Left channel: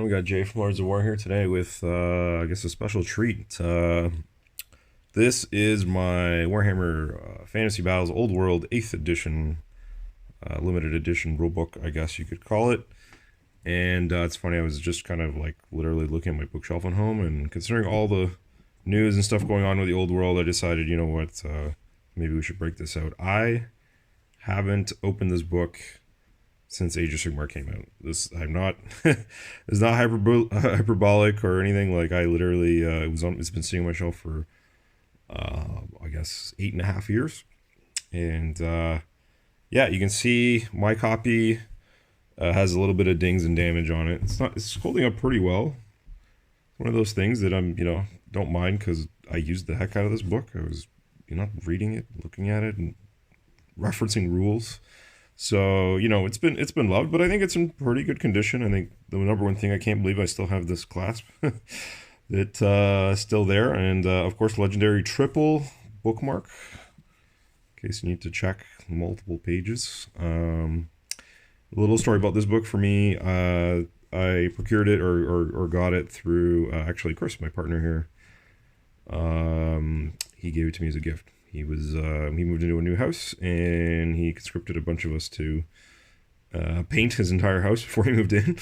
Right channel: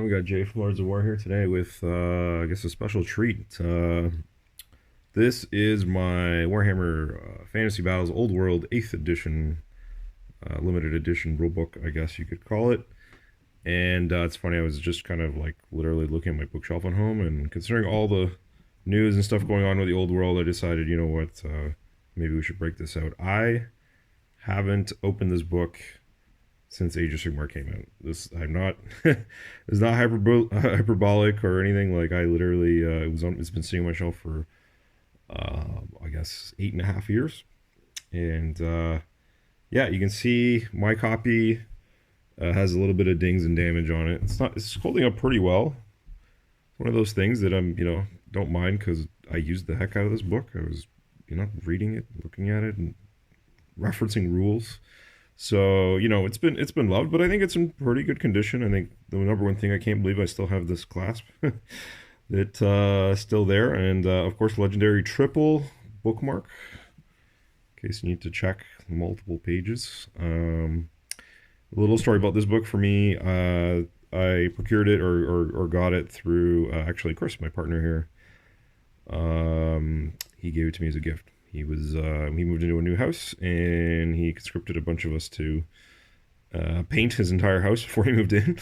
We got Jay from Lords of War here today with, I guess, a special treat. This is my Warhammer Fantasy Battles Old World 8th edition, limited edition rulebook, I guess you could call it. And it's funny, I was just kind of like literally looking at my bookshelf at home, and considering all the news and stuff going on with the Old World, I decided, you know what, maybe we should break this out. I haven't opened this book since Age of Sigmar came out. I'm not it's not hyperbolic or anything. Like, I literally it's been sitting on my shelf for I guess 8.5 years, and yeah, you can see my copy has a little bit of dings and damage on it. It's holding up pretty well. It's one of those things that I'm don't mind, because I used the heck out of this book. I was reading it, looking at it, and referencing rules. So, it's been loved, but I think it's in pretty good condition. I think the number one thing, I can't believe I still have this clasp that's still there. And, of course, legendary triple bookmark, in case you need to check multiple pages. A little story about this book for me. I procured it or got it through, actually, Chris, my partner here. He gave it to me as a gift. He moved into a new house, and he conscripted a bunch of us to paint his entire house before he moved in.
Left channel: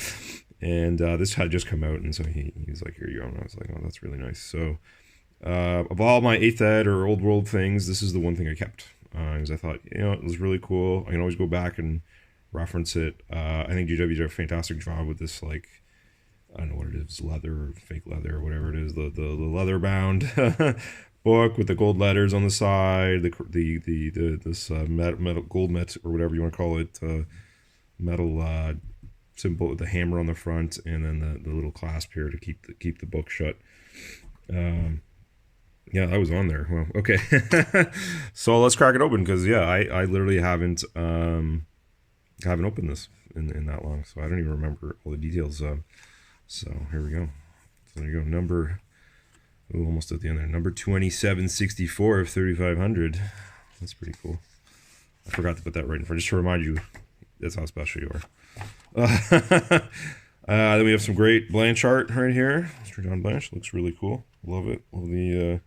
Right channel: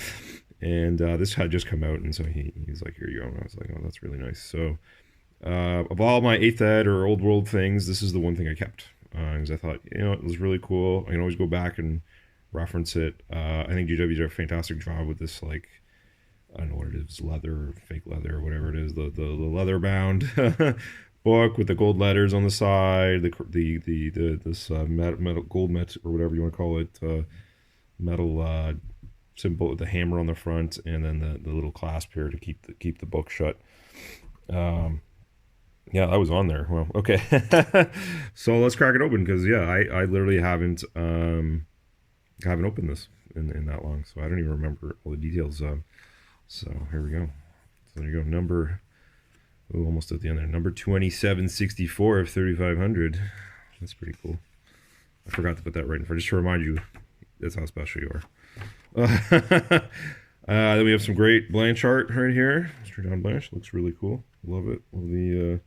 And this had just come out, and so he was like, "Here you go." And I was like, "Oh, that's really nice." So of all my 8th ed or Old World things, this is the one thing I kept, because I thought, it was really cool. I can always go back and reference it. I think GW did a fantastic job with this, like, I don't know what it is, leather, fake leather, whatever it is, the leather bound book with the gold letters on the side, this metal gold met, or whatever you want to call it, metal symbol with the hammer on the front, and then the little clasp here to keep the book shut. Yeah, I was on there. Well, okay. So let's crack it open, because I literally haven't opened this in that long, so I don't even remember all the details. So here we go. So there you go. Almost at the end there. Number 2764 of 3500. That's pretty cool. I forgot to put that right in front, just to remind you that's how special you are. Then we have some great Blanche art right here. Mr. John Blanche looks really cool. Love it. Love the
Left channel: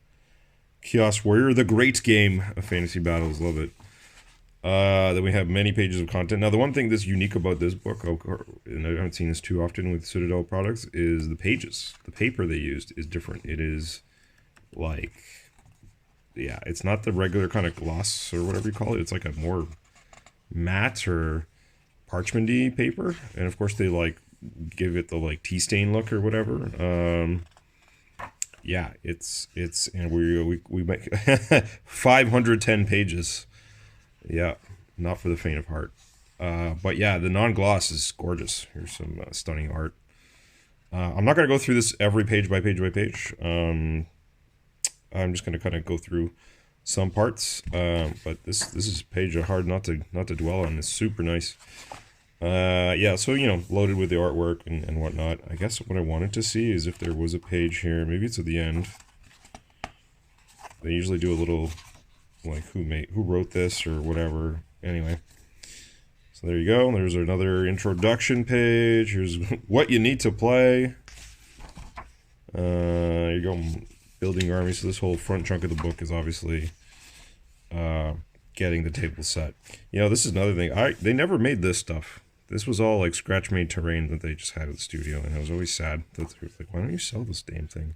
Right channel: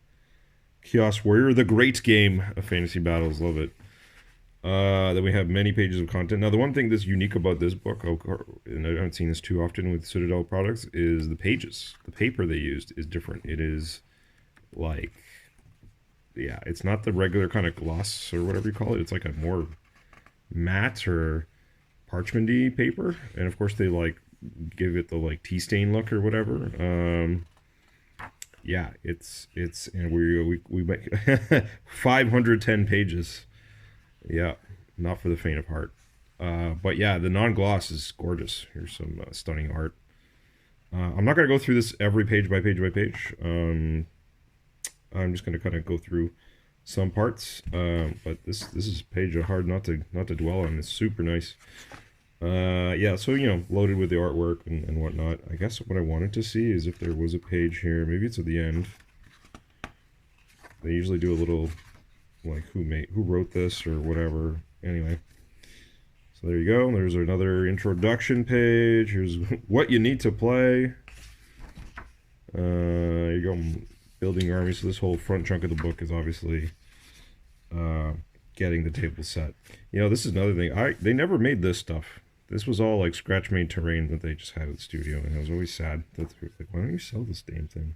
Chaos Warrior, the great game of fantasy battles. Love it. Then we have many pages of content. Now, the one thing that's unique about this book, and I haven't seen this too often with Citadel products, is the pages. The paper they used is different. It is like, yeah, it's not the regular kind of gloss or whatever you call it. It's like a more matte or parchment-y paper. And of course, they like give it the like tea stain look or whatever. Yeah, and we make 510 pages. Yeah, not for the faint of heart. But yeah, the non-gloss is gorgeous. Here's some stunning art. I'm not going to go through this every page by page by page. I'm just going to kind of go through some parts. But this is a page hard not to dwell on. It's super nice. Yeah, so, loaded with the artwork and whatnot. I guess what I wanted to see is if there was a page here. Maybe it's at the end. They usually do a little, like, who wrote this or whatever. Anyway, so there you go. There's another introduction page. Here's what you need to play. There you go. Building armies. So this whole front chunk of the book is obviously getting the table set. This is another thing. They never made this stuff. This was all like scratch made terrain that they just had at the studio, and I was always sad that they were like, why don't you sell this damn thing?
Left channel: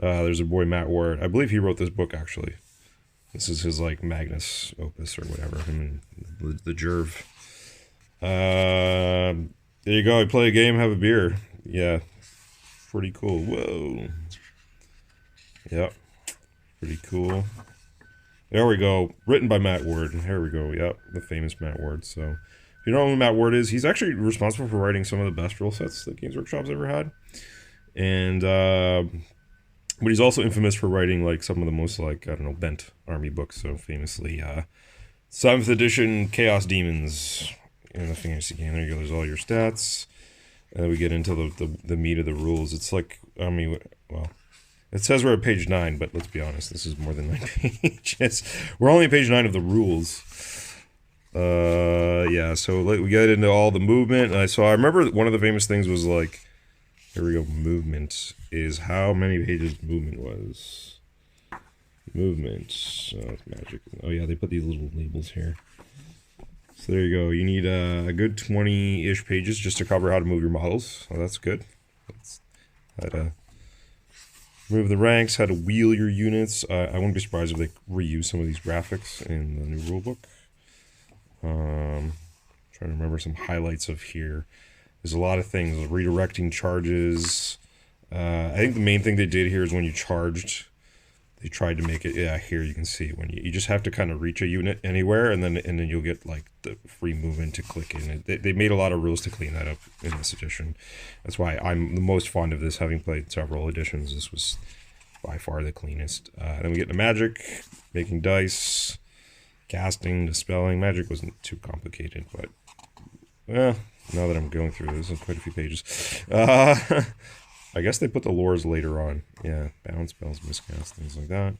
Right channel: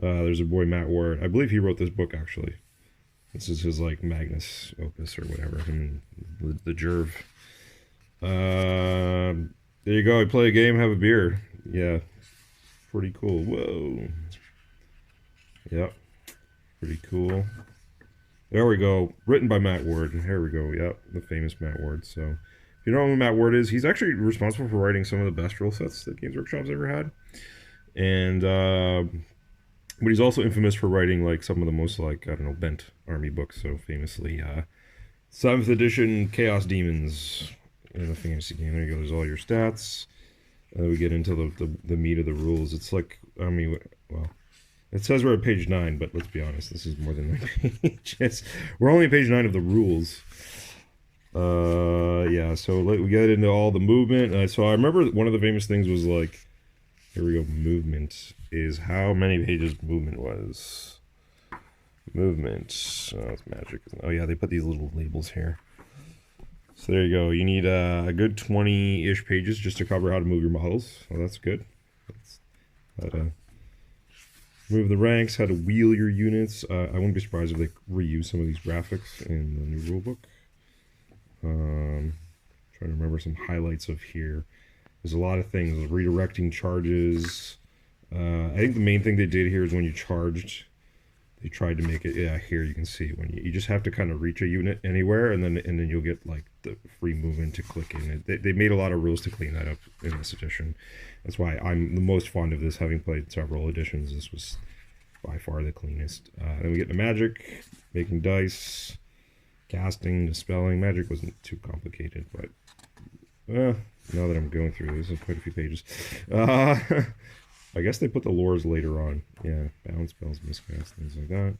There's a boy, Matt Ward. I believe he wrote this book, actually. This is his, like, Magnus opus or whatever. I mean, the Jerv. There you go. You play a game, have a beer. Yeah. Pretty cool. Whoa. Yep. Pretty cool. There we go. Written by Matt Ward. Here we go. Yep. The famous Matt Ward. So, if you don't know who Matt Ward is, he's actually responsible for writing some of the best rule sets that Games Workshop's ever had. And, but he's also infamous for writing, like, some of the most, like, I don't know, bent army books. So famously, 7th edition Chaos Demons in the fantasy game. There you go. There's all your stats. And we get into the meat of the rules. It's like, I mean, well, it says we're at page 9, but let's be honest, this is more than 9 pages. We're only at page 9 of the rules. Yeah, so we get into all the movement. So I remember one of the famous things was, like, Here we go. Movement is how many pages movement was. Movement. Oh, that's magic. Oh yeah, they put these little labels here. So there you go. You need a good 20-ish pages just to cover how to move your models. So that's good. That's how to move the ranks, how to wheel your units. I wouldn't be surprised if they reuse some of these graphics in the new rulebook. Trying to remember some highlights of here. There's a lot of things. Redirecting charges. I think the main thing they did here is when you charged, they tried to make it. Yeah, here you can see when you just have to kind of reach a unit anywhere, and then you'll get like the free movement to click in. They made a lot of rules to clean that up in this edition. That's why I'm the most fond of this, having played several editions. This was by far the cleanest. Then we get the magic, making dice, casting, dispelling. Magic wasn't too complicated, but now that I'm going through this, there's quite a few pages. I guess they put the lores later on. Yeah, bounce spells, miscast, things like that.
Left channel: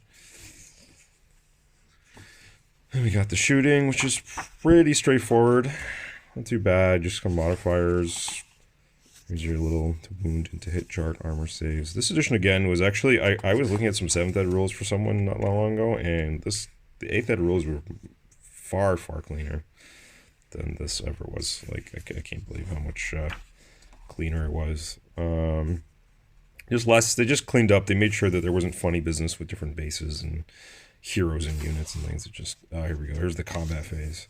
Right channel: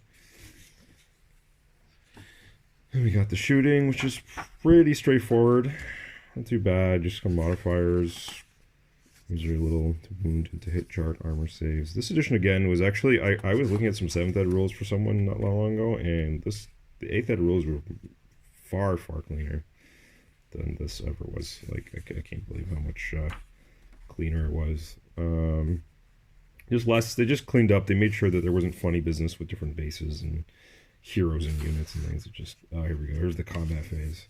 And we got the shooting, which is pretty straightforward. Not too bad, just some modifiers. Here's your little to wound and to hit chart, armor saves. This edition, again, was actually... I was looking at some 7th ed rules for someone not long ago, and the 8th ed rules were far, far cleaner than this ever was. Like, I can't believe how much cleaner it was. Just less, they just cleaned up. They made sure that there wasn't funny business with different bases and heroes and units and things. It just, here we go. Here's the combat phase.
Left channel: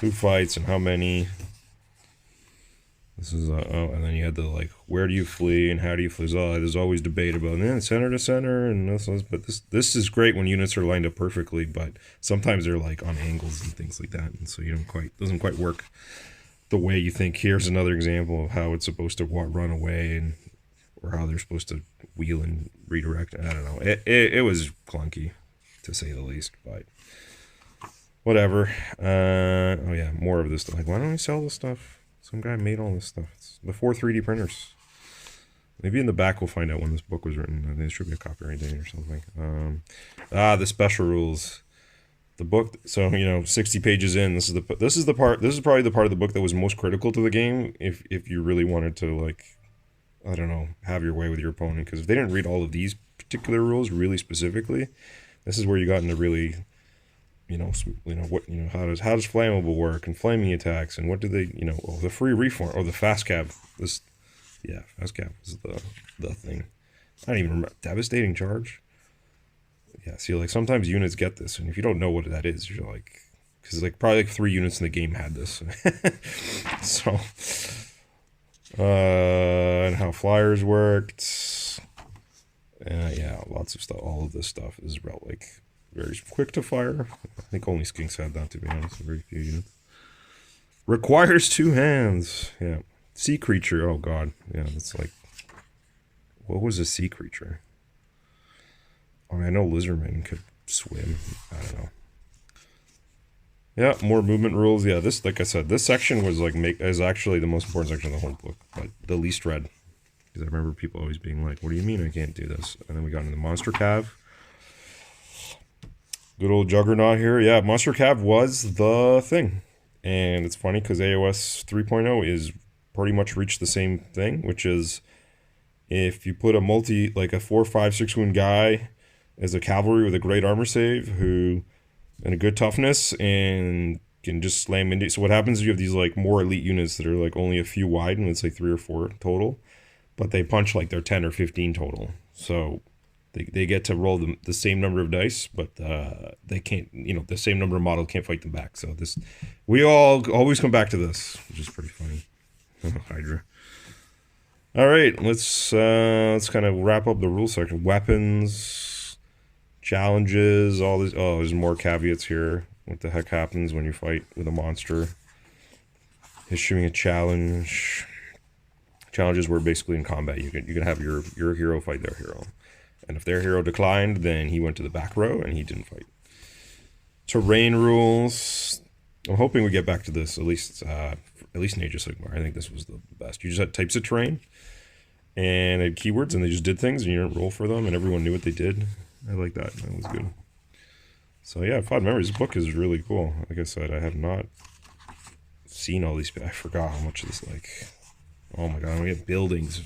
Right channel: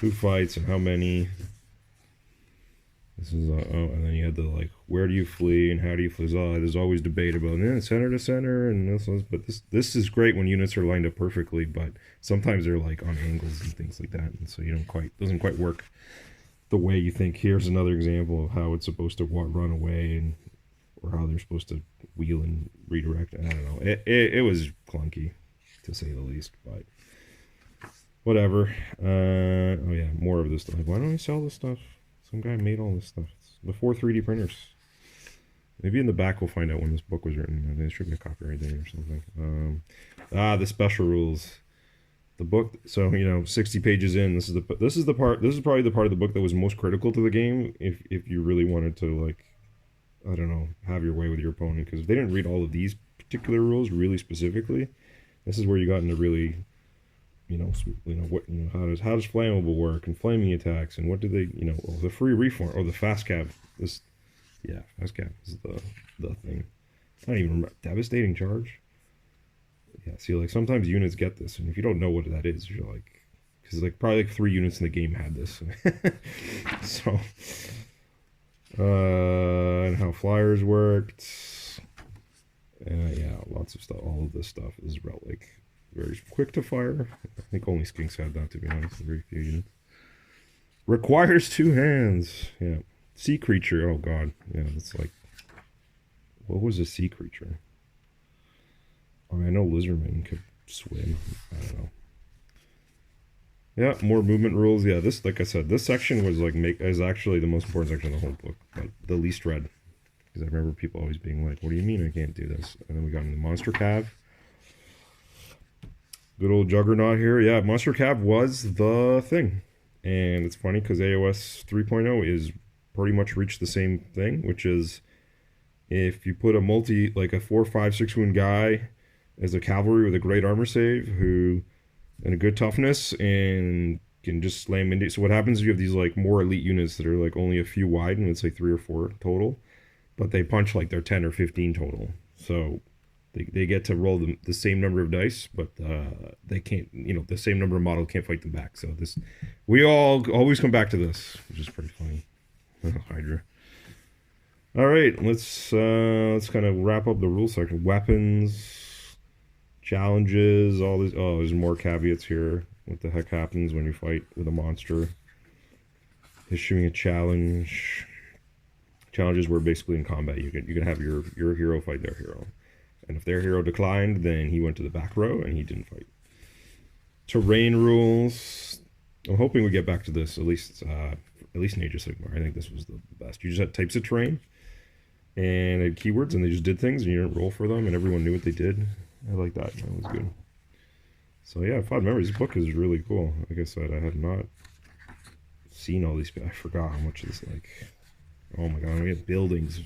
Who fights and how many. This is, and then you had the, like, where do you flee and how do you flee? There's always debate about, center to center and this, but this is great when units are lined up perfectly, but sometimes they're, like, on angles and things like that, and so doesn't quite work the way you think. Here's another example of how it's supposed to run away or how they're supposed to wheel and redirect. I don't know. It was clunky, to say the least, but whatever. Oh yeah, more of this stuff. Like, why don't we sell this stuff? Some guy made all this stuff. It's before 3D printers. Maybe in the back we'll find out when this book was written. There should be a copyright date or something. The special rules. The book, so 60 pages in. This is probably the part of the book that was most critical to the game. If you really wanted to, like, I don't know, have your way with your opponent, because if they didn't read all of these particular rules really specifically, this is where you got into really, how does flammable work and flaming attacks and what do they, the free reform, the fast cap. Fast cap is the thing. I don't even remember. Devastating charge. Yeah, see, like, sometimes units get this, and if you don't know what that is, you're like, because probably 3 units in the game had this. So, and how flyers worked. Yeah, lots of stuff. All of this stuff is about, like, very quick to fire. I think only skinks had that, to be honest. Very few units. Requires 2 hands. Yeah. Sea creature. Oh, God. Yeah, that's like, what was a sea creature? I mean, I know lizardmen could swim. I don't know. Yeah, more movement rules. Yeah, this, like I said, this section was like is actually the most important section of the whole book, but the least read. Because I remember people always being like, "What do you mean I can't do this?" And then we got into the monster cav. Good old Juggernaut here. Yeah, monster cav was the thing, and it's funny because AOS 3.0 is pretty much reached the same thing, which is if you put like a 4, 5, 6 wound guy as a cavalry with a great armor save and a good toughness and can just slam into. So what happens is you have these like more elite units that are like only a few wide and it's like 3 or 4 total, but they punch like they're 10 or 15 total. So they get to roll the same number of dice, but they can't, the same number of model can't fight them back. So we all always come back to this, which is pretty funny. Hydra. All right, let's kind of wrap up the rule section. Weapons, challenges, all this. Oh, there's more caveats here. What the heck happens when you fight with a monster? Issuing a challenge. Challenges were basically in combat. You can have your hero fight their hero, and if their hero declined, then he went to the back row and he didn't fight. Terrain rules. I'm hoping we get back to this at least in Age of Sigmar. I think this was the best. You just had types of terrain and had keywords, and they just did things, and you didn't roll for them, and everyone knew what they did. I like that. That was good. So yeah, fond memories. This book is really cool. Like I said, I had not seen all these. I forgot how much of this, like, oh my god, we have buildings,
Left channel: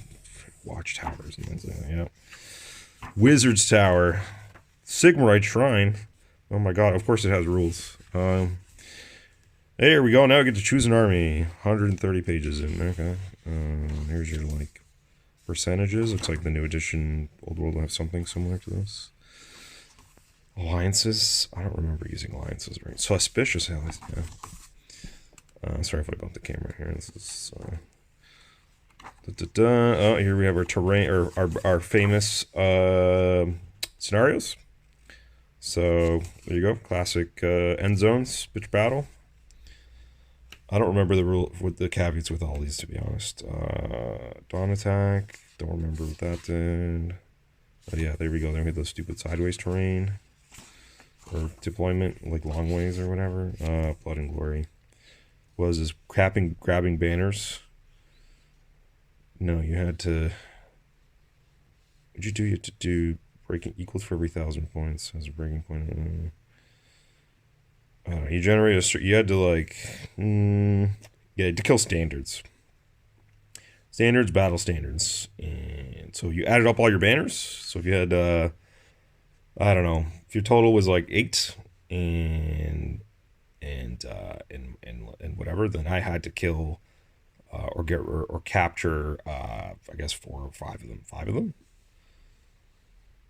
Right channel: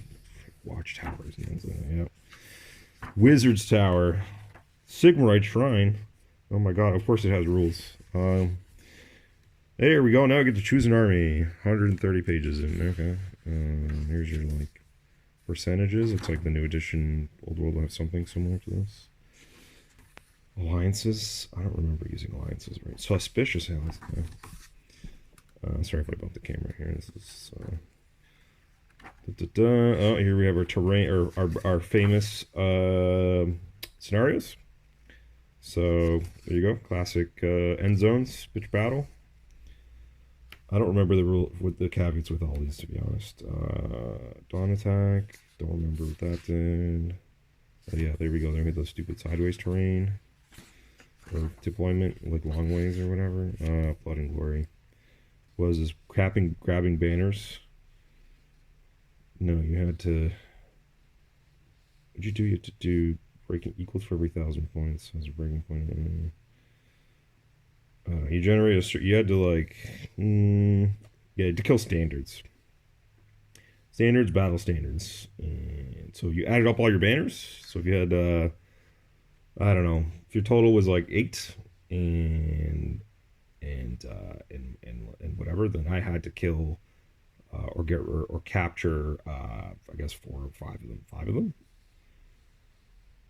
watchtowers. Yeah. Wizard's Tower. Sigmarite Shrine. Oh my god, of course it has rules. There we go. Now I get to choose an army. 130 pages in. Okay. Here's your, like, percentages. Looks like the new edition Old World will have something similar to this. Alliances. I don't remember using alliances, right? So Suspicious allies. Yeah. Sorry if I bumped the camera here. This is... Oh, here we have our terrain, or our famous scenarios. So there you go, classic end zones, bitch battle. I don't remember the rule with the caveats with all these, to be honest. Dawn attack, don't remember what that did. But yeah, there we go. There we had those stupid sideways terrain or deployment, like long ways or whatever. Blood and Glory was this grabbing banners. No, you had to. What'd you do? You had to do breaking equals for every 1,000 points as a breaking point. You generate a. You had to, like. Yeah, you had to kill standards. Standards, battle standards. And so you added up all your banners. So if you had. I don't know. If your total was like 8 and whatever, then I had to kill. Or get or capture, I guess 4 or 5 of them. 5 of them,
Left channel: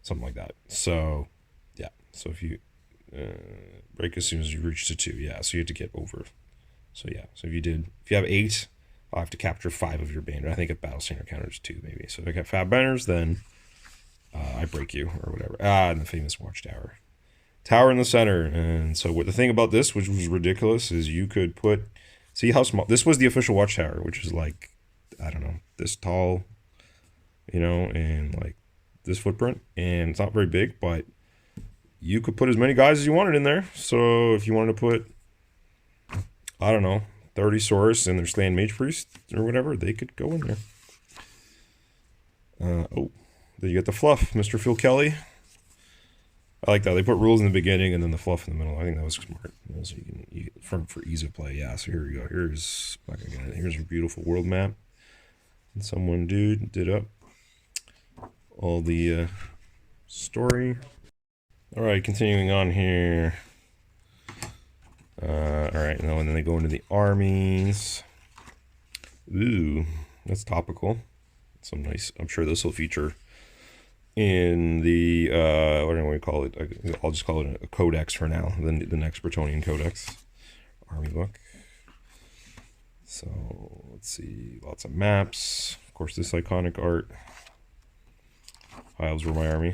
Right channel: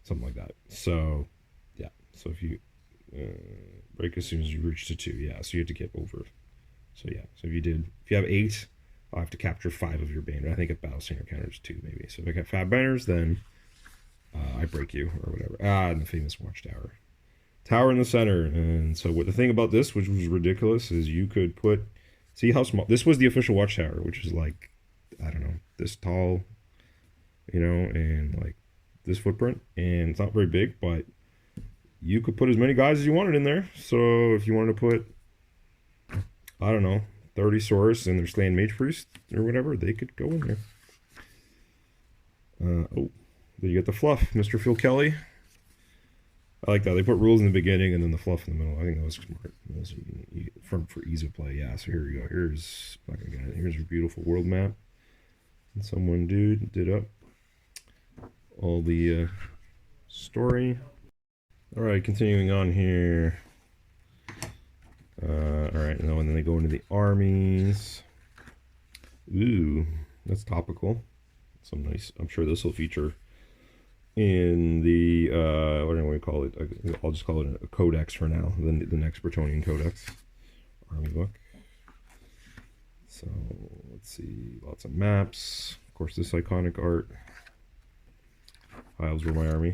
something like that. So, yeah. So if you break as soon as you reach to 2, yeah. So you had to get over. So yeah. So if you have 8, I'll have to capture 5 of your banner. I think at battle standard counters 2 maybe. So if I got 5 banners, then I break you or whatever. And the famous watchtower, tower in the center. And so what the thing about this, which was ridiculous, is you could put. See how small this was. The official watchtower, which is like, I don't know, this tall, you know, and like this footprint, and it's not very big, but you could put as many guys as you wanted in there. So if you wanted to put, I don't know, 30 Saurus and their Slaying Mage Priest or whatever, they could go in there. Oh, then you get the fluff, Mr. Phil Kelly. I like that. They put rules in the beginning and then the fluff in the middle. I think that was smart. So you for ease of play. Yeah, so here we go. Here's a beautiful world map. And someone did up all the story. All right, continuing on here. All right, and then they go into the armies. Ooh, that's topical. Some nice. I'm sure this will feature in the what do we call it? I'll just call it a codex for now. The next Bretonnian codex army book. So let's see, lots of maps. Of course, this iconic art. Isles were my army.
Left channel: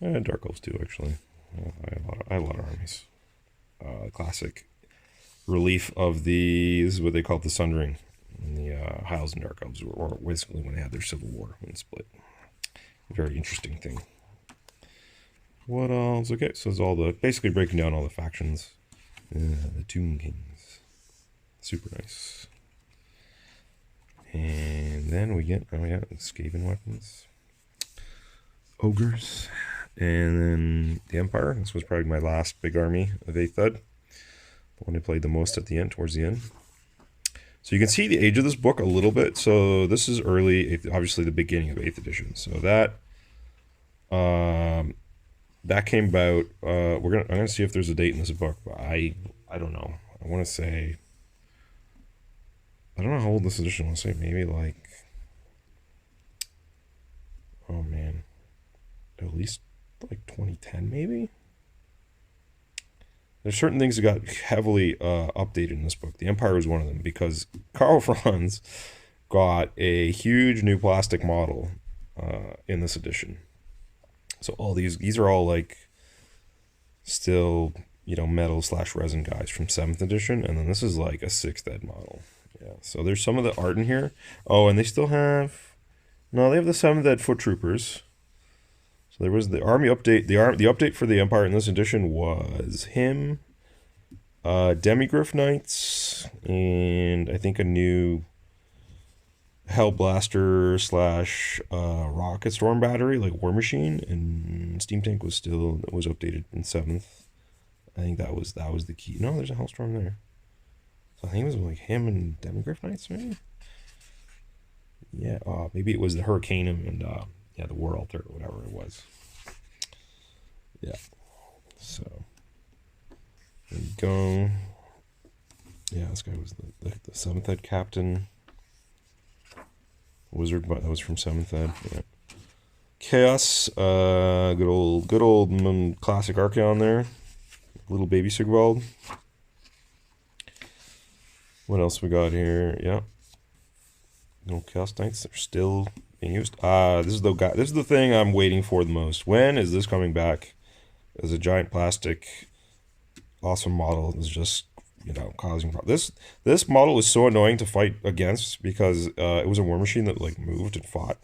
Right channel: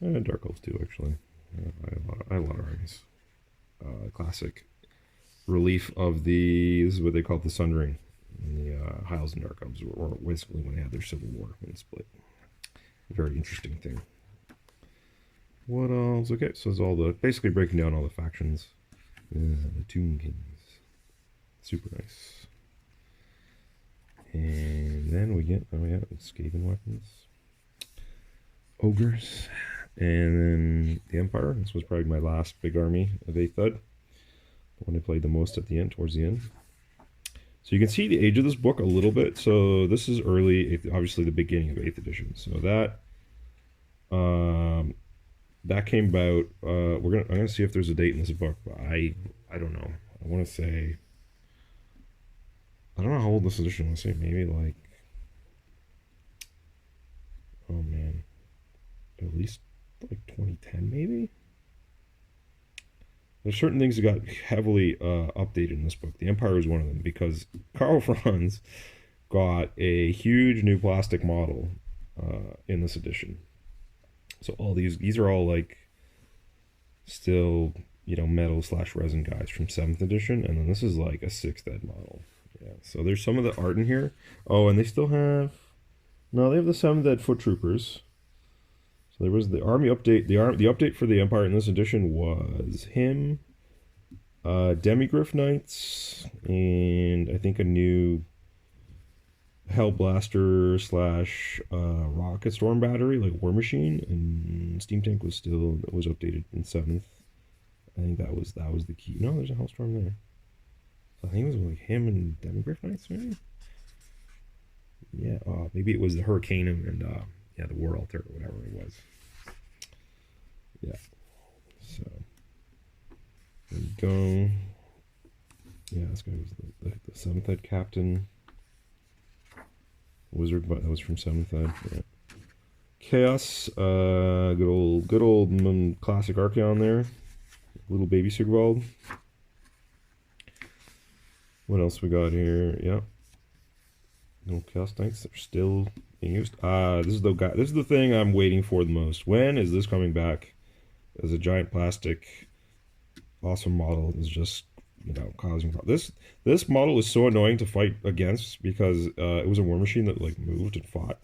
And Dark Elves too, actually. I had a lot of armies. Classic relief of the. This is what they call the Sundering. And the Isles and Dark Elves were basically when they had their civil war when split. Very interesting thing. What else? Okay, so it's all basically breaking down all the factions. The Tomb Kings. Super nice. And then we get Skaven weapons. Ogres. And then the Empire. This was probably my last big army of 8th Ed. The one I played the most at the end, towards the end. So you can see the age of this book a little bit. So this is early, obviously the beginning of 8th edition. So that came about. I'm gonna see if there's a date in this book, but I don't know. I want to say, I don't know how old this edition was. Say maybe like, oh man, at least like 2010 maybe. There's certain things that got heavily updated in this book. The Empire was one of them because Karl Franz got a huge new plastic model in this edition. So all these are all like still, you know, metal / resin guys from 7th edition, and then this is like a 6th ed model. Yeah. So there's some of the art in here. Oh, and they still have they have the 7th ed foot troopers. So there was the army update. The update for the Empire in this edition was him, Demigryph Knights, and I think a new Hellblaster / Rocket Storm battery, like War Machine, and Steam Tank was updated in 7th. I think that was the key. No, there's a Hellstorm there. So I think it was like him and Demigryph Knights, maybe. Yeah, maybe it was the Hurricane and yeah, the War Altar or whatever it was. Yeah. So there you go. Yeah, this guy was the 7th Ed captain. Wizard, but that was from 7th Ed. Yeah. Chaos, good old classic Archaon there. Little baby Sigvald. What else we got here? Yeah. No Chaos Knights are still being used. This is the guy. This is the thing I'm waiting for the most. When is this coming back? As a giant plastic, awesome model is just, you know, causing problems. This model is so annoying to fight against because it was a war machine that like moved and fought.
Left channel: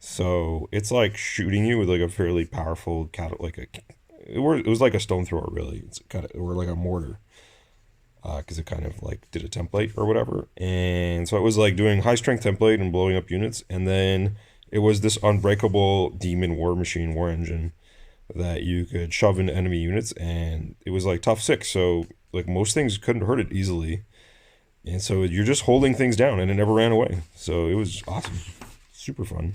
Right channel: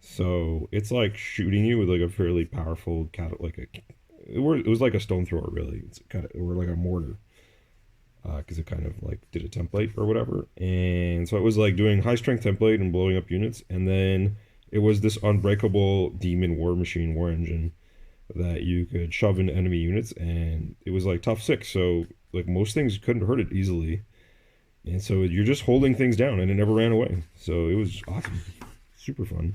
So it's like shooting you with like a fairly powerful it was like a stone thrower really. It's kind of, or like a mortar. Because it kind of like did a template or whatever, and so it was like doing high strength template and blowing up units, and then it was this unbreakable demon war machine, war engine, that you could shove into enemy units, and it was like tough 6, so like most things couldn't hurt it easily, and so you're just holding things down, and it never ran away, so it was awesome, super fun.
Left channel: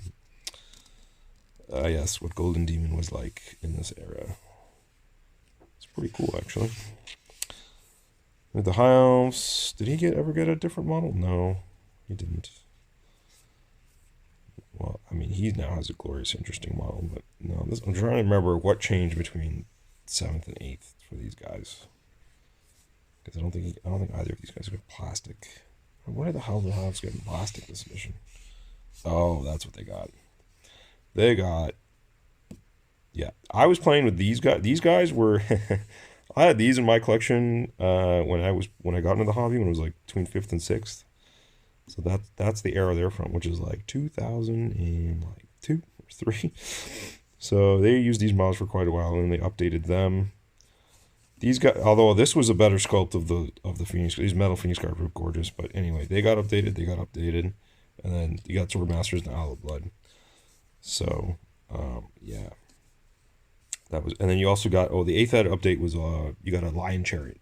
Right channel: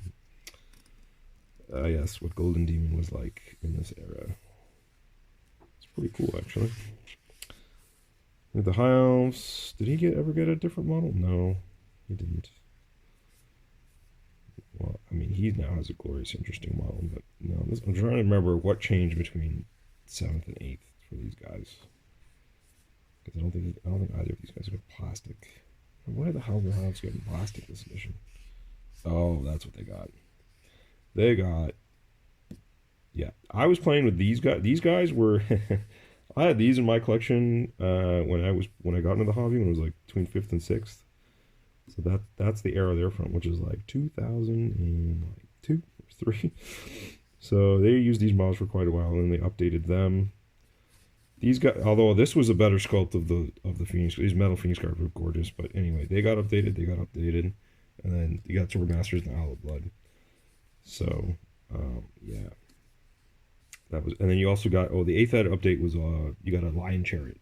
Yes, what Golden Demon was like in this era. It's pretty cool actually. With the High Elves, did he ever get a different model? No, he didn't. Well, I mean, he now has a glorious, interesting model, but no, I'm trying to remember what changed between 7th and 8th for these guys. Because I don't think either of these guys got plastic. Why the hell the Elves getting plastic this edition? Oh, that's what they got. They got. Yeah, I was playing with these guys. These guys were. I had these in my collection when I got into the hobby when it was like between 5th and 6th. So that's the era they're from, which is like 2002 or 3. So they used these models for quite a while, and they updated them. These guys, although this was a better sculpt of the Phoenix, these metal Phoenix guards were gorgeous. But anyway, they got updated, and then you got Swordmasters and Isle of Blood. So yeah. That was, and then you also got the 8th Ed update was you got a Lion Chariot,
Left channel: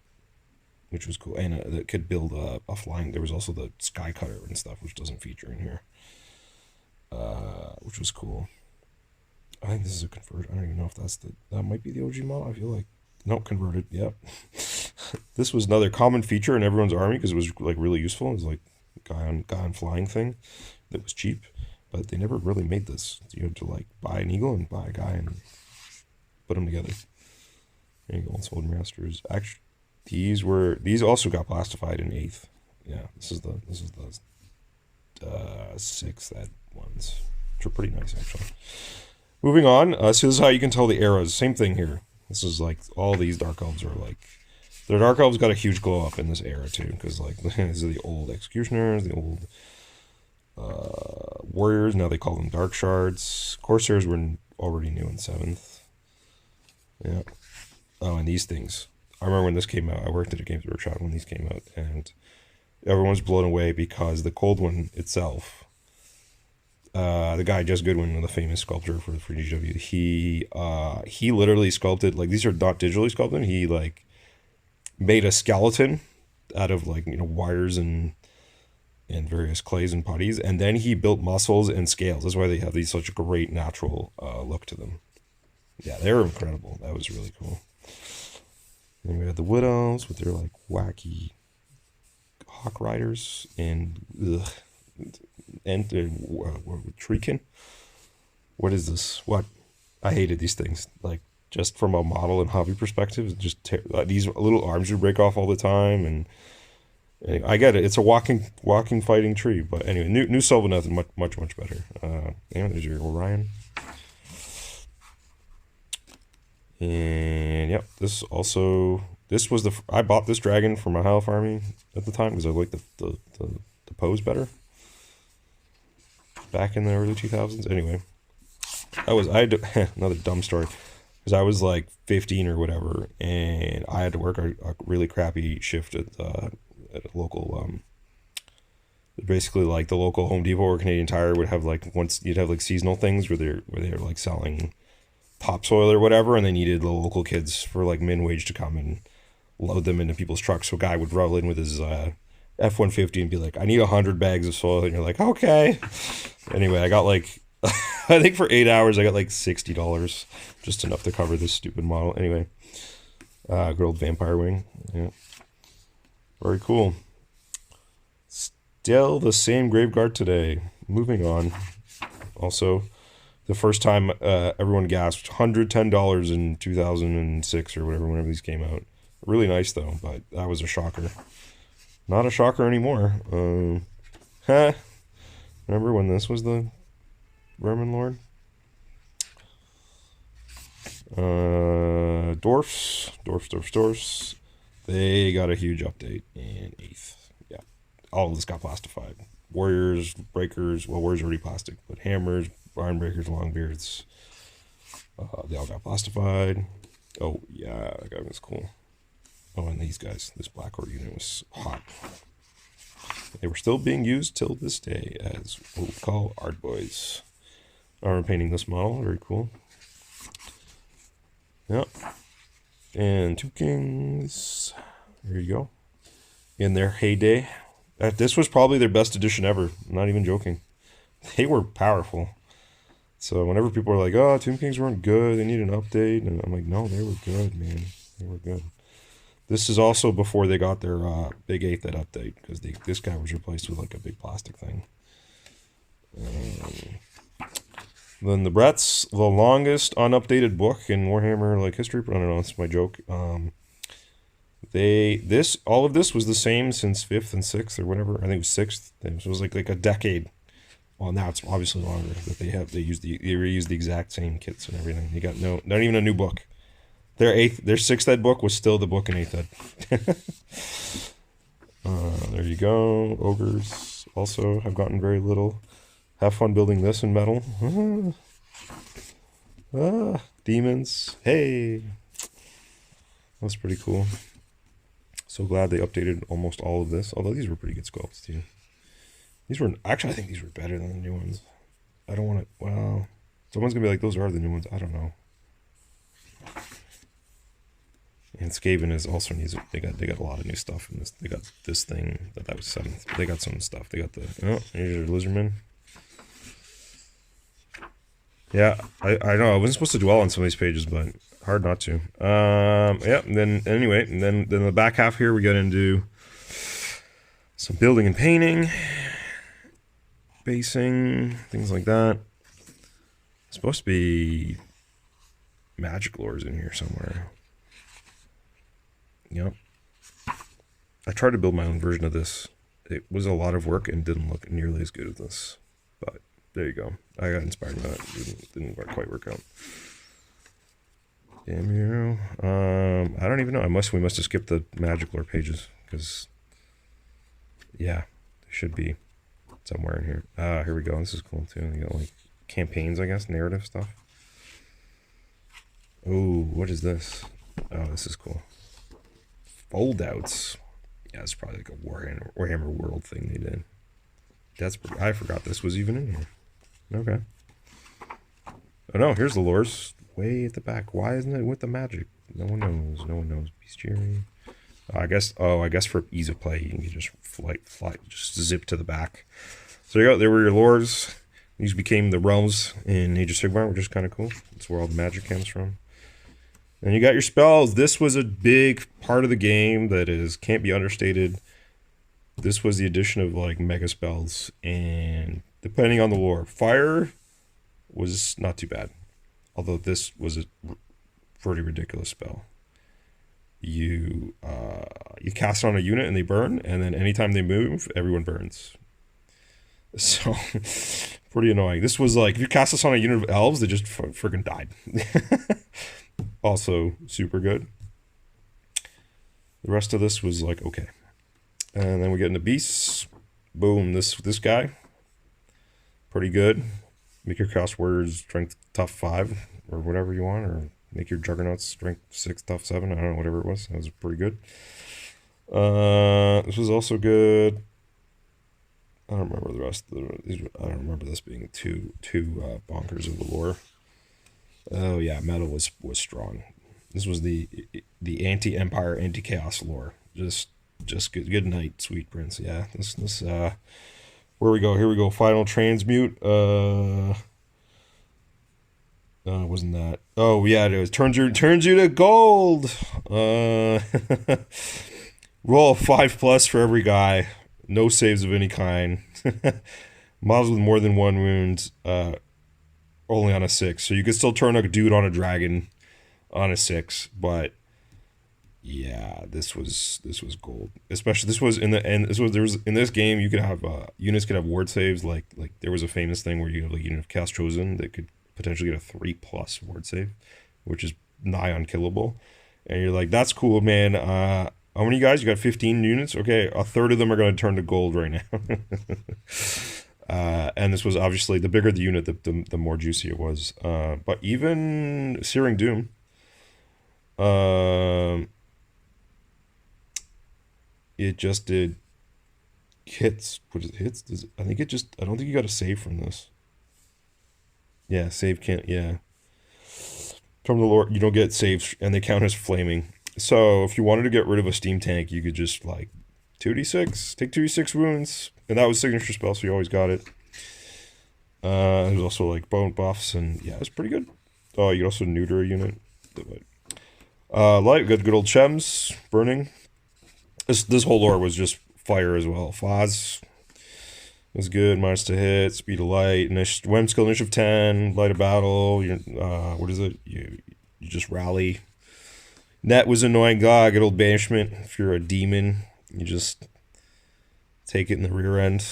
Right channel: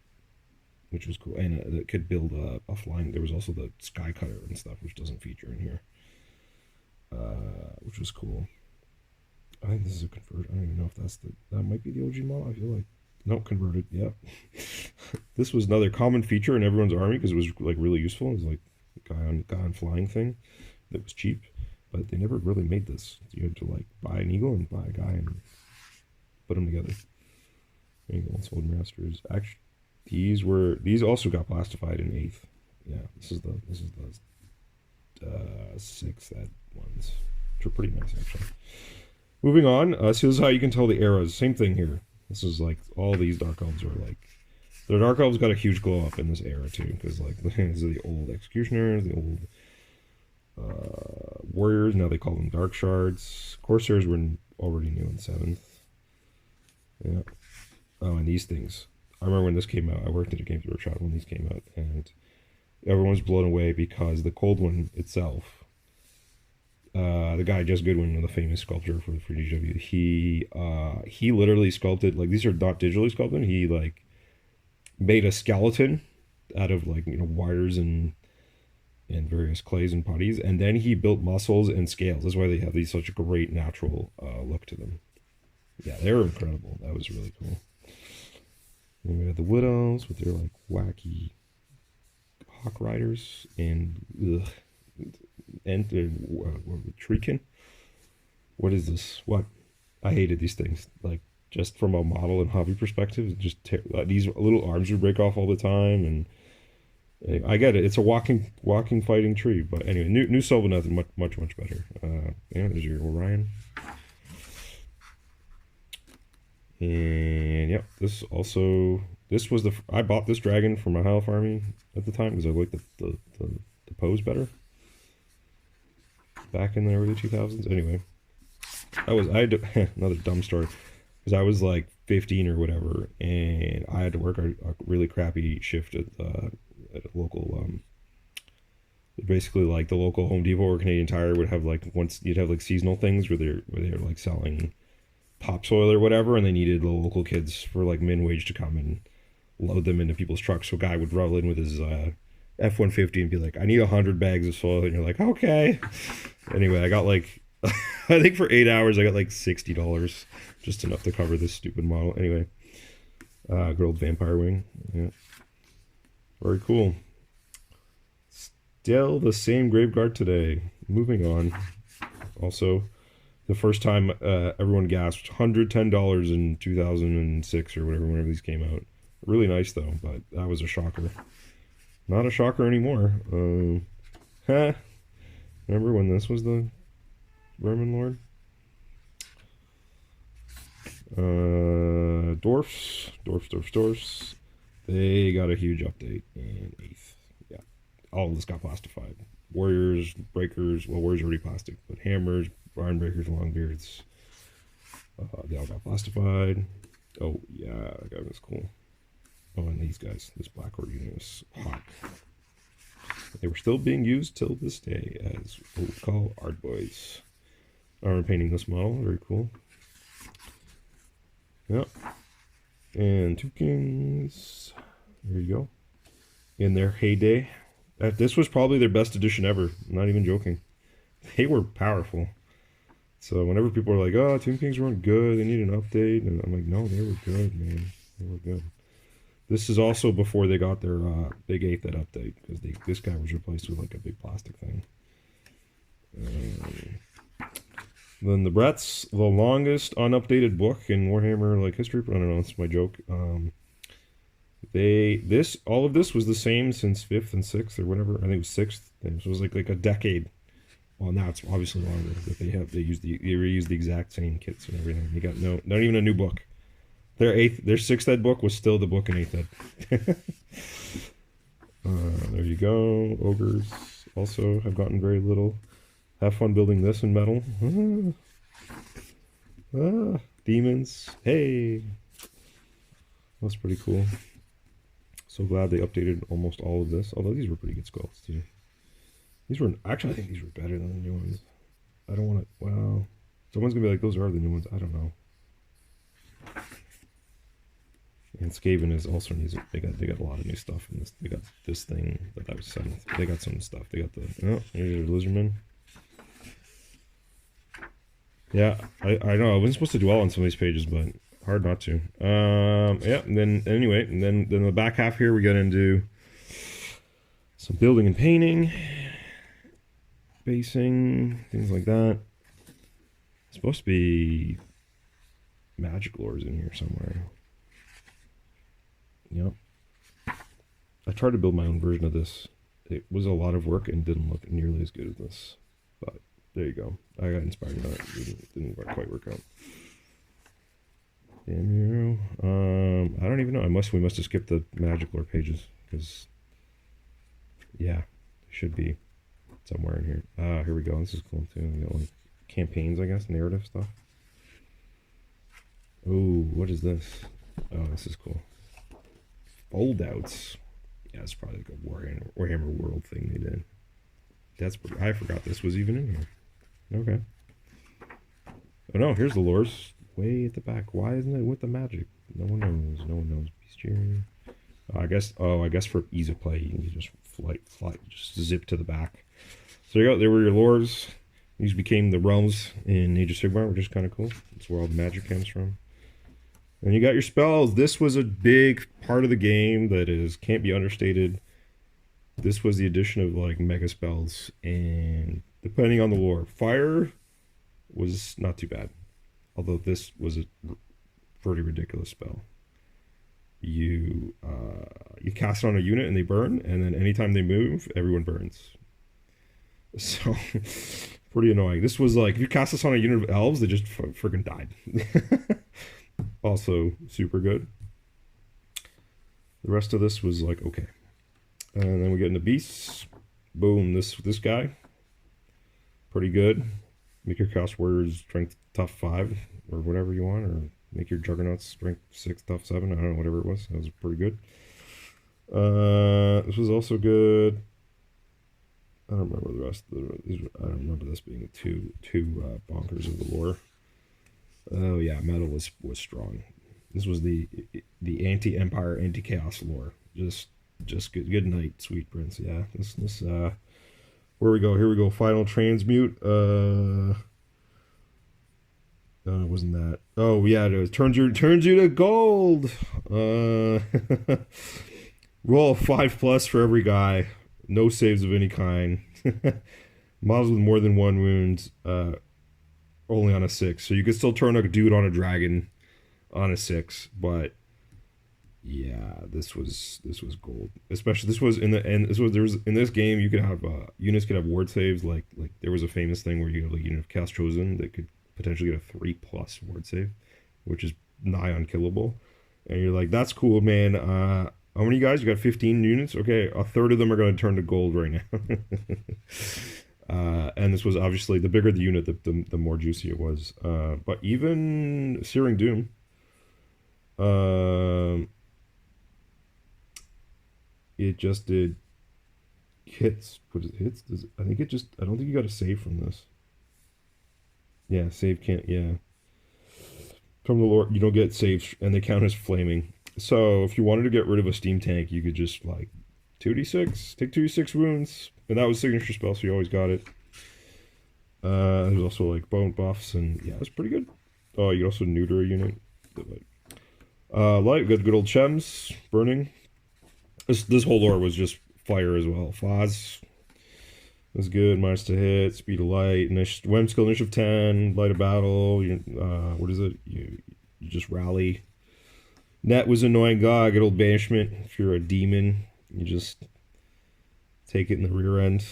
which was cool, and that could build a flying. There was also the Sky Cutter and stuff, which doesn't feature in here, which was cool. I think this is a convert. I don't even know if that might be the OG model. I feel like nope, converted. Yep. This was another common feature in everyone's army because it was like really useful. It was like guy on flying thing that was cheap, but they never really made this. You had to like buy an eagle and buy a guy and put them together. There you go, Swordmasters. Actually, these also got plastified in 8th. Yeah, this is the 6th Ed ones, which are pretty nice actually. Moving on, so this is how you can tell the eras. Same thing here. This is like all these Dark Elves are like. The Dark Elves got a huge glow up in this era too, because like these are the old Executioners, the old Warriors. Now they call them Dark Shards. Corsairs were already new in 7th. Yeah. Oh, and these things. I remember when this came out. I worked at a Games Workshop when these came out, and everyone was blown away because the Cold One itself, the guy Jess Goodwin, the famous sculptor for GW, he literally sculpted, like, these are not digitally sculpted. He like made a skeleton out of like, you know, wires and various clays and putties, and then he built muscles and scales. That's why they have these such great natural look to them. Yeah, they were incredible. That was really cool. Then we had the Wood Elves with their like wacky Hawk Riders and Treekin. What is this? What? I hated these things. Like, just from a model and hobby perspective, just these little arms would break off all the time, and I get it. It's a walking fighting tree. But anyway, new Sylvaneth is much better. Yeah, there's your Orion. And yep, this was I bought this dragon for my High Elf army at the time because I liked the pose better. Back in the early 2000s. Anyway, I had to, another dumb story, because I was like 15 or whatever, and I had to work a really crappy shift at a local basically like the local Home Depot or Canadian Tire would have like, once you'd have like seasonal things where they're like selling topsoil or whatever, and they needed the local kids for like min wage to come and load them into people's trucks. So a guy would roll in with his F-150 and be like, I need 100 bags of soil, and you're like, okay. Anyway, I got like, I think for 8 hours I got like $60, just enough to cover this stupid model. Anyway, good old vampire wing. Yeah, very cool. Still the same graveguard today. Moving on. Also, the first time everyone gasped, $110 in 2006 or whatever, whenever these came out. Really nice though, but that was a shocker. Not a shocker anymore. Remember when this was the Vermin Lord? Dwarfs. They got a huge update in 8th. Yeah, all of this got plastified. Warriors, breakers. Well, warriors already plastic, but hammers, barn breakers, longbeards. They all got plastified. Oh yeah, that guy was cool. Oh, and these guys. This Black Horde unit was hot. They were still being used till this day as what we call art boys. I'm painting this model. Very cool. Yep. And 2 kings. There you go. In their heyday. This was probably their best edition ever. I'm not even joking. They were powerful. So whenever people are like, oh, Tomb Kings weren't good, they need an update. And I'm like, no, they were good, man. They were good. This is also before they got their big 8th update, because this guy was replaced with like a big plastic thing. Then the Brett's the longest unupdated book in Warhammer like history. But I don't know, that's my joke. All of this was the same since 5th and 6th or whatever. I think it was 6th. So it was like a decade. Well, now it's obviously longer, but they reused the exact same kits and everything. They got not even a new book. Their 6th ed book was still the book in 8th ed. There you go. Ogres also have gotten very little. Have fun building this in metal. Demons. Hey. That's pretty cool. So glad they updated almost all of this. Although these were pretty good sculpts too. Actually, I think these were better than the new ones. I don't want to, well, someone's going to be like, those are the new ones. I don't know. And Skaven is also needs. They got a lot of new stuff in this. They got this thing that was 7th. They got some stuff. They got the here's your lizardman. Yeah, I know I wasn't supposed to dwell on some of these pages, but hard not to. Yeah. And then anyway, and then the back half here we get into some building and painting, basing, things like that. It's supposed to be magic lores in here somewhere. Yep. I tried to build my own version of this. It was a lot of work and didn't look nearly as good as this. But there you go. I got inspired in that. It didn't quite work out. Damn you. I don't even know. We must have skipped the magic lore pages because yeah, they should be somewhere in here. Here we go. This is cool too. You got like campaigns, I guess, narrative stuff. Oh, what is this? Oh, this is cool. Foldouts. Yeah, it's probably like a Warhammer World thing they did. I forgot this was even in here. Okay. Oh no, here's the lores. Way at the back. Why isn't it with the magic? No one knows. No one knows. Bestiary. I guess for ease of play, you can just fly, just zip to the back. So there you go. There were your lores. These became the realms in Age of Sigmar, which is kind of cool. That's where all the magic comes from. And you got your spells. This was a big part of the game that can't be understated. This was the addition of like mega spells, and depending on the lore, fire was not too bad. Although this was a pretty ridiculous spell. You cast it on a unit and they burn, and then anytime they move, everyone burns. So pretty annoying. This was like if you cast this on a unit of elves, they just freaking died. Also super good. The rest of this was like okay. And then we get into beasts. Boom, this guy. Pretty good. Make your Chaos Warriors strength tough 5 or whatever you want, or make your Juggernauts strength 6 tough 7. I don't know, whatever it was. That was pretty good. This was also good. I don't remember the rest of these. I don't remember this being too bonkers of the lore. Oh yeah, metal was strong. This was the anti-empire, anti-chaos lore. Just Just good night, sweet prince. Yeah, this where we go? Here we go. Final transmute. Wasn't that? Oh yeah, it was. Turns you to gold. Roll a 5+ for every guy. No saves of any kind. Models with more than 1 wound. Only on a 6, so you could still turn a dude on a dragon on a 6, but yeah, this was gold. Especially this was in the end. There was in this game you could have units could have ward saves, like there was a famous thing where you have like unit of Chaos Chosen that could potentially get a 3+ ward save, which is nigh unkillable. And you're like, that's cool, man. How many guys? You got 15 units? Okay, a third of them are going to turn to gold right now. And this was obviously, the bigger the unit, the more juicy it was. But even Searing Doom, it just did hits. What is it, hits? I think it just, I don't think you got a save from this. Yeah, save can't, yeah. From the Lord, you don't get saves, and they count as flaming. So if you wanted to get rid of a steam tank, you could just like 2d6, take 2d6 wounds, and that was signature spell, so you always got it. There's also like bone buffs, and yeah, it was pretty good. Oh, you could also neuter a unit. Light, good old Chems, burning. This whole lore was just fire as well. Foz was good, minus to hit, speed of light, Wem skill initiative 10, light of battle. What is it? You just rally. Net was annoying. God, good old banishment. If you're a demon, you just take it in the rear end.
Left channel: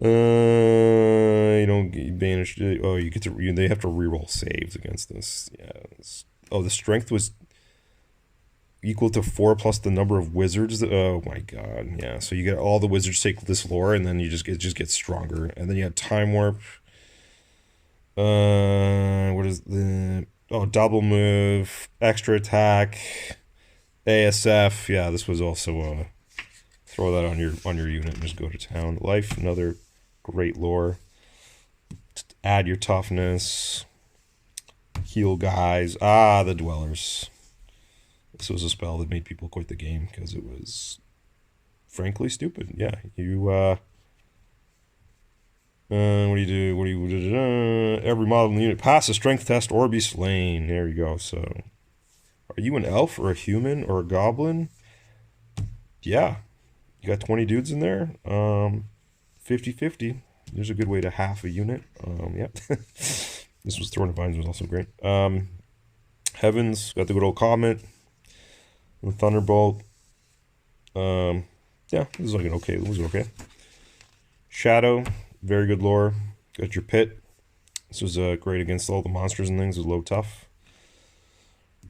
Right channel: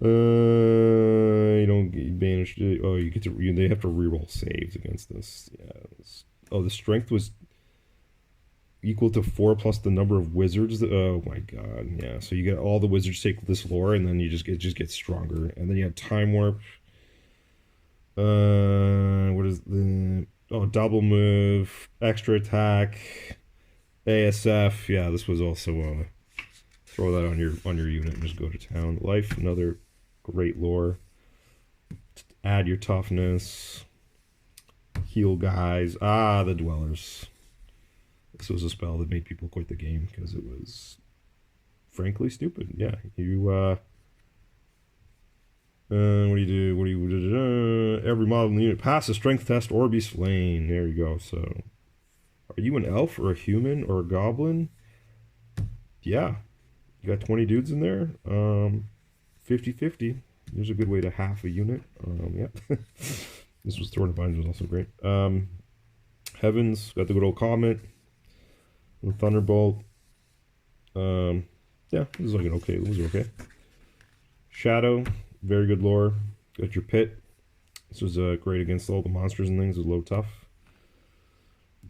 You don't get banished. Oh, you get to. They have to reroll saves against this. Yeah. Oh, the strength was equal to 4 plus the number of wizards. Oh my god. Yeah. So you get all the wizards take this lore, and then it just gets stronger. And then you have time warp. What is the? Oh, double move, extra attack, ASF. Yeah, this was also throw that on your unit and just go to town. Life, another great lore. Just add your toughness. Heal guys. Ah, the Dwellers. This was a spell that made people quit the game because it was frankly stupid. Yeah, you what do you do? Every model in the unit pass a strength test or be slain. There you go. So, are you an elf or a human or a goblin? Yeah. You got 20 dudes in there. 50-50. There's a good way to half a unit. Yep. This was Throne of Vines was also great. Heavens, got the good old Comet. The Thunderbolt. Yeah, this is like an okay. It was okay. Shadow. Very good lore. Got your pit. This was great against all the monsters and things. It was low tough.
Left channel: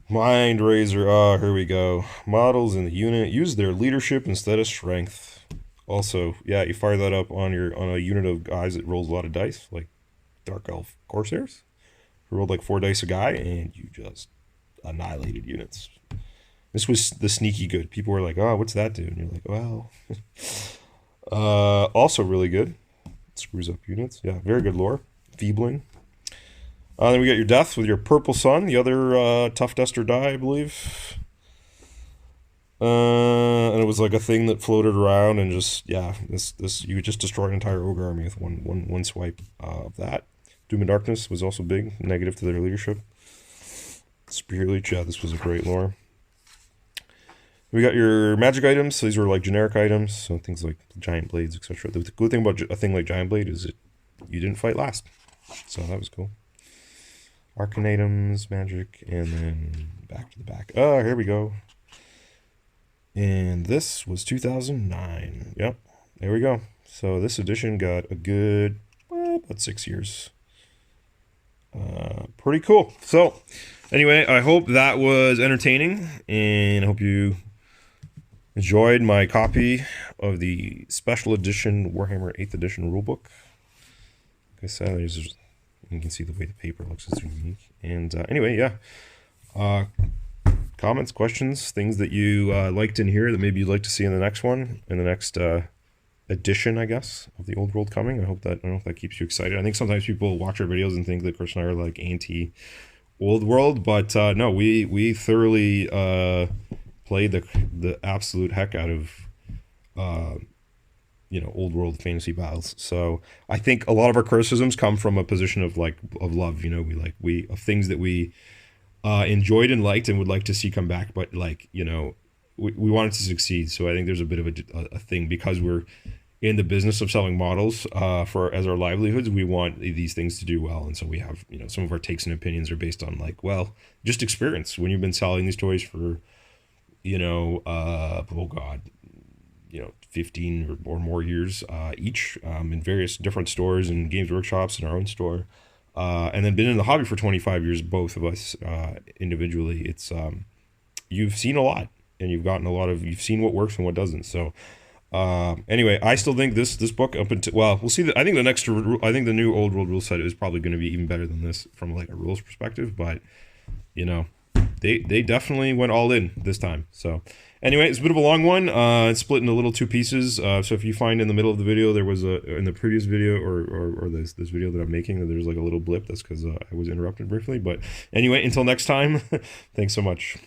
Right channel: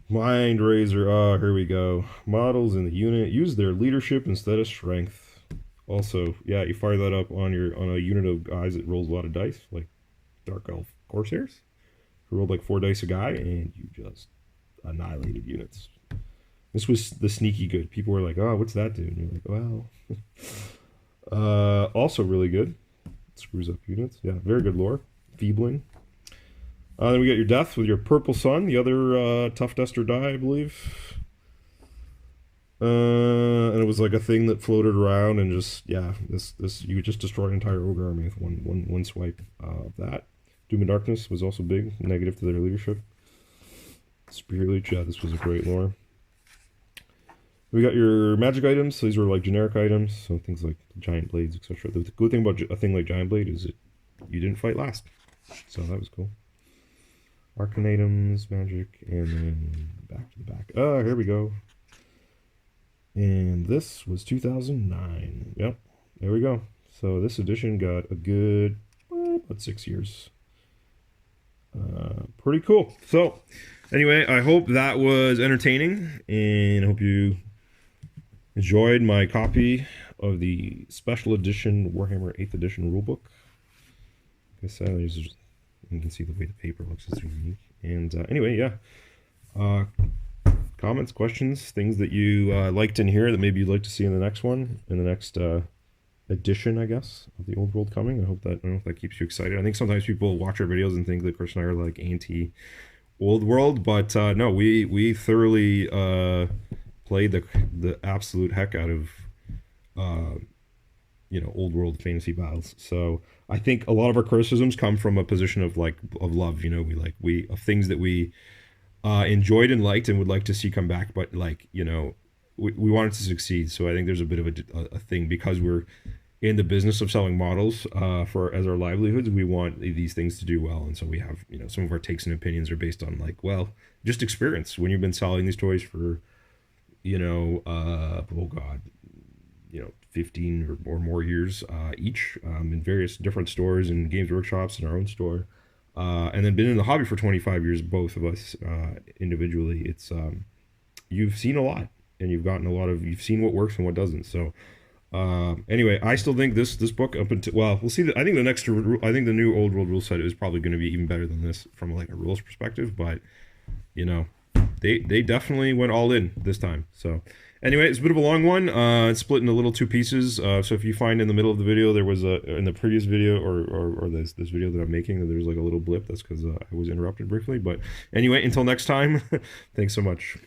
Mind Razor. Oh, here we go. Models in the unit use their leadership instead of strength. Also, yeah, you fire that up on a unit of guys that rolls a lot of dice, like Dark Elf Corsairs, who rolled like 4 dice a guy, and you just annihilated units. This was the sneaky good. People were like, "Oh, what's that do?" And you're like, "Well." Also really good. Screws up units. Yeah, very good lore. Feebling. Then we got your death with your purple sun, the other tough duster die, I believe. And it was like a thing that floated around and just, yeah, this you could just destroy an entire ogre army with one swipe of that. Doom and Darkness was also big, negative to their leadership. Spear Leech, yeah, this was a great lore. We got your magic items. So these were like generic items, so things like giant blades, etc. The good thing about a thing like giant blade is you didn't fight last, so that was cool. Arcane items, magic, and then back to the back. Oh, here we go. And this was 2009. Yep, there we go. So this edition got a good, well, about 6 years. Pretty cool. So anyway, I hope that was entertaining, and I hope you enjoyed my copy of the special edition Warhammer 8th edition rulebook. Like I said, you can see the way the paper looks is unique. And anyway, yeah. Comments, questions, things that you liked in here that maybe you'd like to see in the next one, in the next edition, I guess, of the Old World coming. I don't know if that keeps you excited. I think sometimes people watch our videos and think that Chris and I are like anti Old World, but no, we thoroughly played the absolute heck out of old world fantasy battles. So I think a lot of our criticisms come from a position of of love. We of things that we enjoyed and liked and would like to see come back, but we want it to succeed. So I think there's a bit of a thing, because we're in the business of selling models for as our livelihoods. We want these things to do well, and so we have some of our takes and opinions are based on just experience. When you've been selling these toys for oh god, 15 or more years each, in various different stores and games workshops and our own store, and then been in the hobby for 25 years, both of us individually. It's you've seen a lot, and you've seen what works and what doesn't. So anyway, I still think this book, up until, we'll see. I think the new old world rule set is probably going to be even better than this from a rules perspective, but they definitely went all in this time. So anyway, it's a bit of a long one. It's split into little two pieces. So if you find in the middle of the video, there was in the previous video or this video that I'm making, there's a little blip. That's because I was interrupted briefly. But anyway, until next time, thanks so much.